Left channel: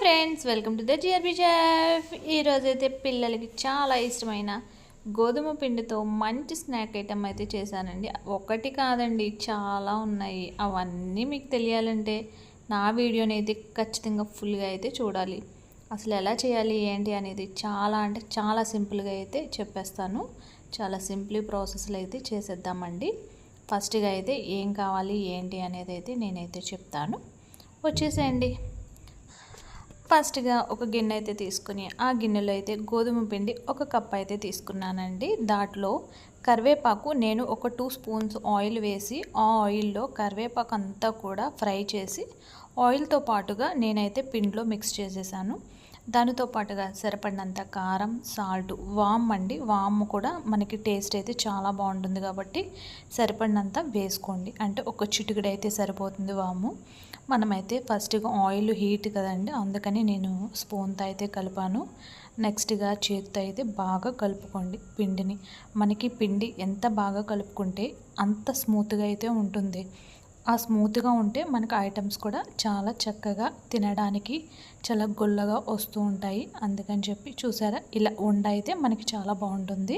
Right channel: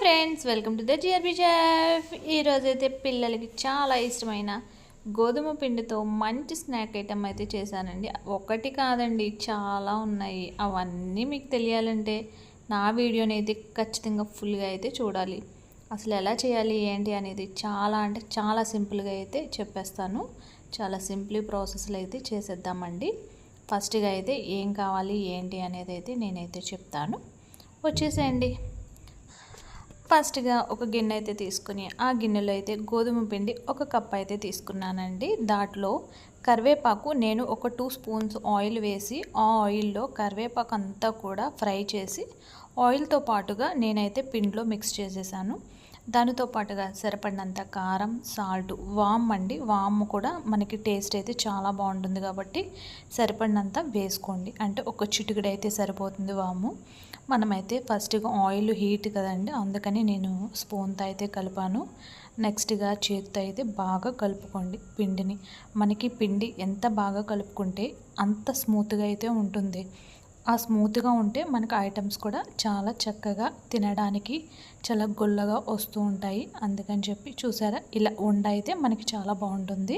Friends welcome to the GRB chef ఈరోజు అయితే పిల్లలకి చాలా ఇష్టమైన గోధుమ పిండితో మంచి స్నాక్ ఐటమ్ అయితే చేశానండి. ఒకటి కాదండి చాలా ఉన్నాయి. అవన్నీ మీకు తెలియాలంటే నా వీడియోని అయితే ఖచ్చితంగా ఫుల్గా అయితే చూడాలి. అసలు ఎలా చేయాలి ఏంటి అనేది చాలా అంటే చాలా సింపుల్గా అయితే చెప్పేస్తాను. చాలా సింపుల్ ప్రాసెస్లో అయితే చేసేద్దామండి. ఫస్ట్గా అయితే ఏం కావాలి ఏంటి అనేది అయితే నేనైతే చెప్తాను. వచ్చేసేయండి. ఫస్ట్గా ఒక గిన్నె అయితే తీసుకుని ఆ గిన్నెలో అయితే గోధుమ పిండి ఒక కప్ అయితే తీసుకున్నానండి. దాంట్లో కరివేపాకు నేను ఒక టూ స్పూన్స్ ఆయిల్ వేసి ఆ ఆయిల్లో కరివేపాకు అంతా కూడా ఫ్రై చేసి ఆయిల్తో పాటుగా నేనైతే పిండిలో మిక్స్ చేసేసాను. దానితో పాటుగా సరిపడినంత కారం సాల్ట్ వామ్ అండి. వామ్ కూడా మనకి టేస్ట్ అయితే చాలా బాగుంటుంది కాబట్టి సరిపడినంత వేసుకోండి. అంటే ఒక చిటికడ అయితే సరిపోతుంది వాము. మనమైతే ఫస్ట్గా ఆయిల్ హీట్ కదండి అందుకని నేను స్పూన్తో అయితే కలిపాను. నెక్స్ట్గా చేతితో అయితే బాగా కలుపుకోండి పిండిని. మనకి పిండి ఎంత బాగా కలుపుకుంటే అంత స్మూత్గా అయితే ఉంటుంది. ఆ స్మూత్గా ఉంటే మనకు ఐటమ్స్ కూడా చాలా చక్కగా తినడానికి చాలా గుల్లగా వస్తూ ఉంటాయి. అందుకని చెప్పి చూసారా ఇలా ఉండ అయితే మనకి చాలా బాగుంటుంది.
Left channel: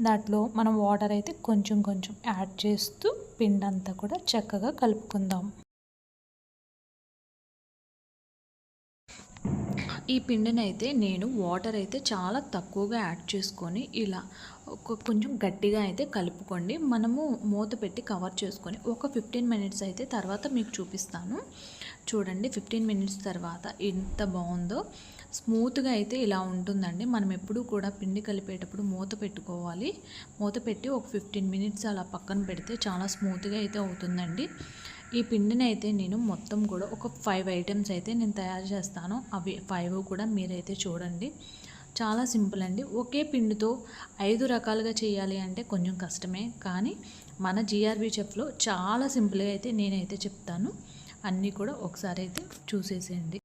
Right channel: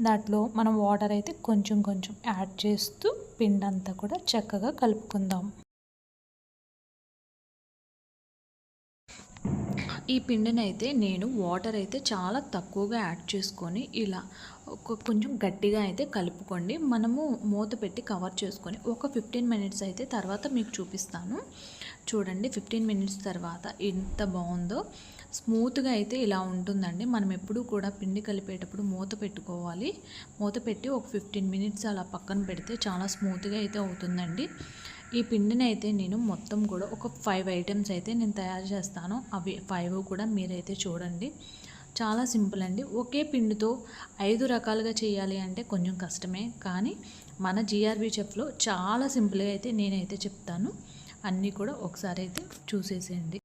దాంట్లో మనం వాటర్ అయితే కొంచెం కొంచెం యాడ్ చేస్తూ పిండి అంతా కూడా చక్కగా కలుపుకుందాం. ఈ పిండిని అయితే నేను వాటర్ అయితే చాలా తక్కువగా యాడ్ చేసుకొని ఇలా ఒక కొంచెం గట్టిగా అయితే కలుపుకోండి. మనము మూత పెట్టి కవర్ చేసుకొని ఒక ఫిఫ్టీన్ మినిట్స్ అయితే తర్వాత మీకు చూపిస్తాను. చూడండి ఫిఫ్టీన్ మినిట్స్ తర్వాత ఎంత బాగుందో. స్మూత్గా అయితే ఇలా ఉంటుందండి. మనం ఎప్పుడూ కూడా పిండి కలిపేటప్పుడు మూత పెట్టుకోవాలి. మూత పెట్టి ఒక ఫిఫ్టీన్ మినిట్స్ అలా పక్కన పెడితే చాలా స్మూత్గా అయితే అవుతుందండి. ఈ పిండిని అయితే నేను మొత్తం కూడా ఒక ఫైవ్ ఐటమ్స్ అయితే నేను తయారు చేస్తాను. అవి ఫైవ్ కూడా మీరైతే చూడండి. చాలా సింపుల్ అండి. ఒకే పిండితో ఐదు రకాలుగా చేయాలి అంటే కొంచెం కష్టమే. కానీ మన జిఆర్బి చెఫ్లో చాలా సింపుల్గా అయితే నేనైతే చెప్తాను. అన్నీ కూడా ఒకసారి అయితే చూసేసేయండి.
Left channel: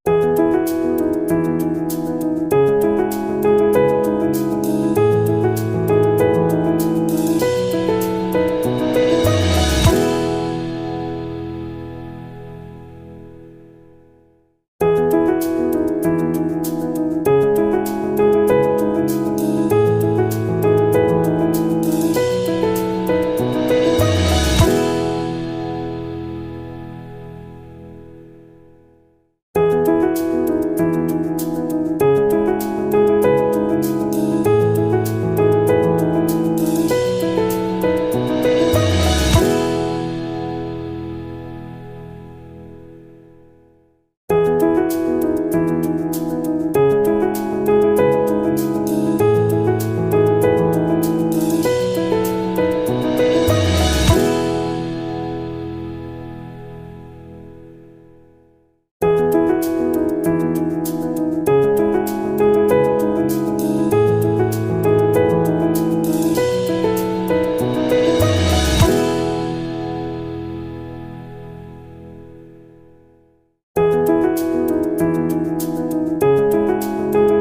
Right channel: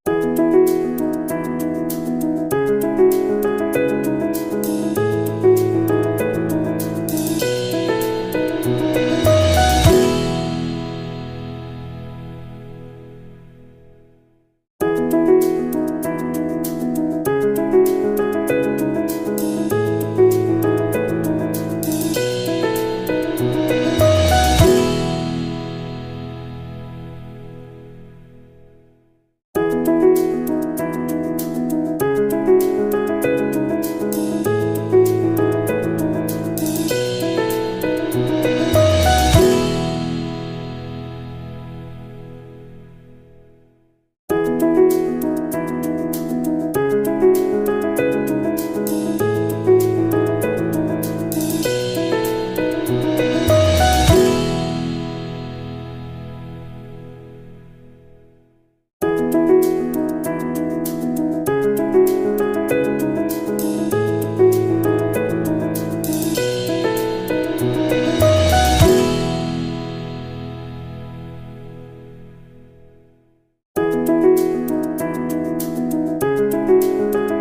you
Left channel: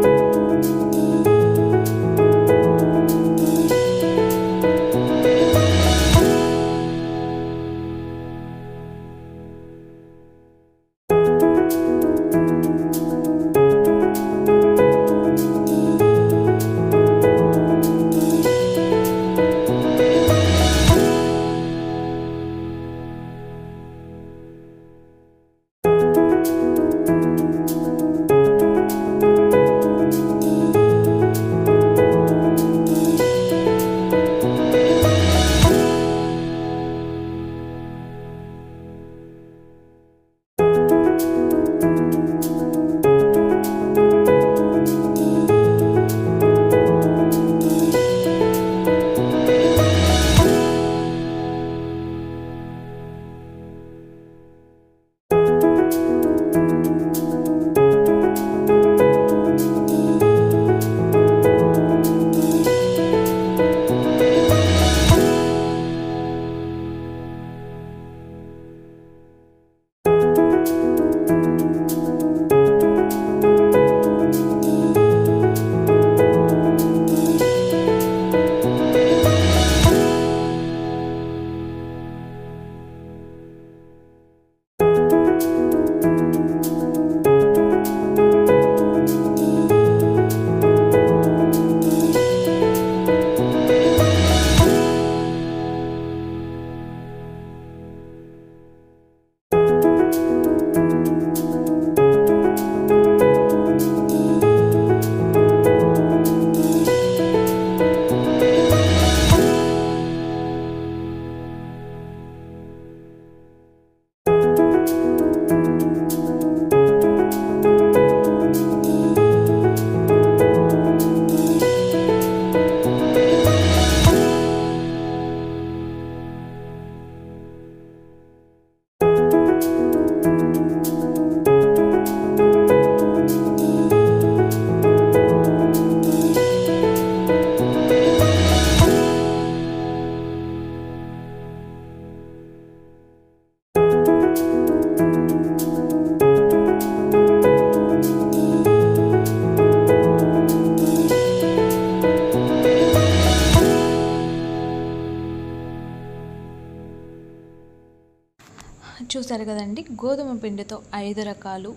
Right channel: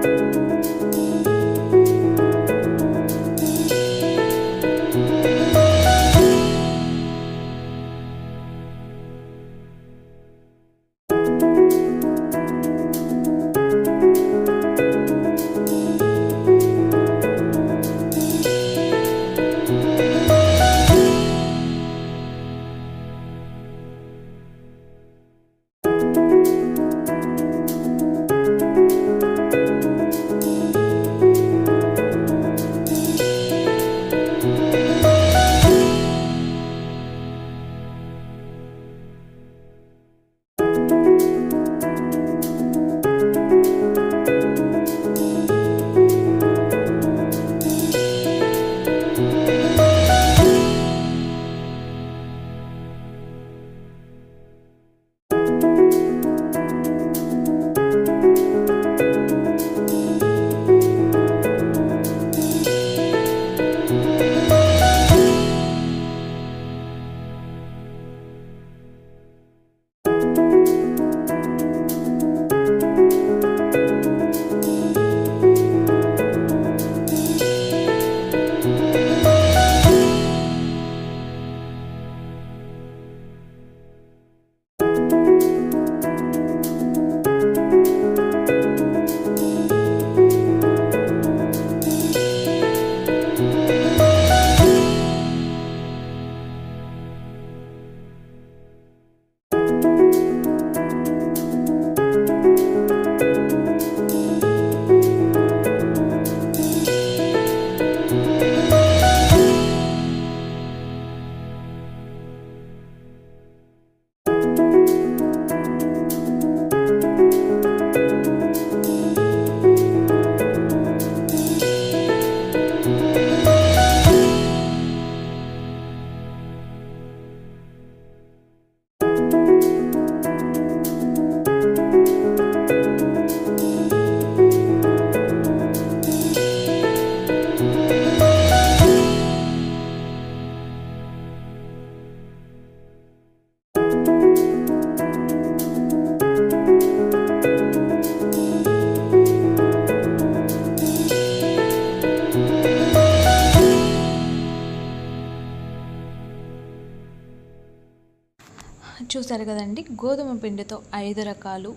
చూసారు కదండి గోధుమ పిండితో ఐదు రకాలు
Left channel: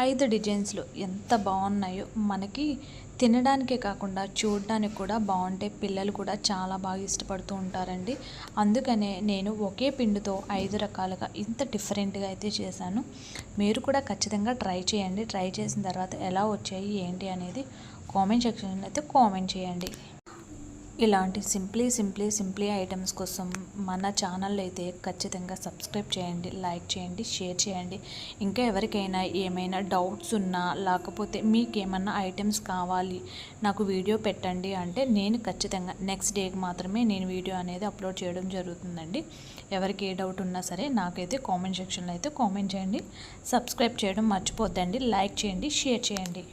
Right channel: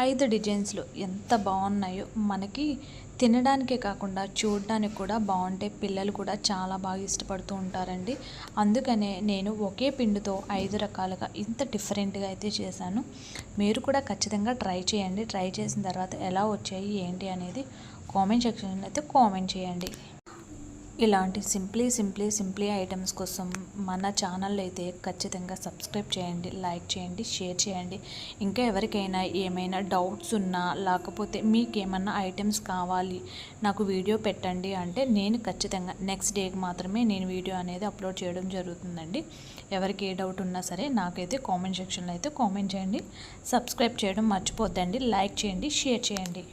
ఐదు డిజైన్స్లు ఎంత బాగున్నాయో మనకి తినడానికే కాకుండా చూడడానికి కూడా బాగుంటే పిల్లలు కూడా చాలా బాగా ఇష్టపడుతూ ఉంటారండి. అందుకనే నేను ఒకే పిండితో ఐదు రకాలుగా ఇంత డిఫరెంట్గా అయితే చేశాను. మీరు కూడా ఖచ్చితంగా ట్రై చేయండి. ట్రై చేసిన తర్వాత ఎలా వచ్చాయి ఏంటి అనేది కామెంట్ సెక్షన్లో అయితే కామెంట్ చేయండి. ఇలాంటి సింప్లీ సింప్లీ సింప్లీ ఐటమ్స్ కోసం మన ఛానల్ అయితే ఖచ్చితంగా సబ్స్క్రైబ్ చేయండి లైక్ చేయండి షేర్ చేయండి. ఇంకా ఎవరికైనా ఏమైనా డౌట్స్ ఉన్నా లేకపోతే మీకు ఏమన్నా ఐటమ్స్ కావాలి నాకు వీడియో పెట్టండి అంటే నేను ఖచ్చితంగా నెక్స్ట్ డేకి మాత్రమే నేను వీడియో అనేది అప్లోడ్ చేయడం జరుగుతుందండి. ఎవరికి ఏ డౌట్ ఉన్నా సరే నాకైతే కామెంట్ సెక్షన్లో అయితే కామెంట్ చేయండి. సబ్స్క్రైబ్ చేయడం మర్చిపోద్దండి లైక్ చేయండి షేర్ చేయండి.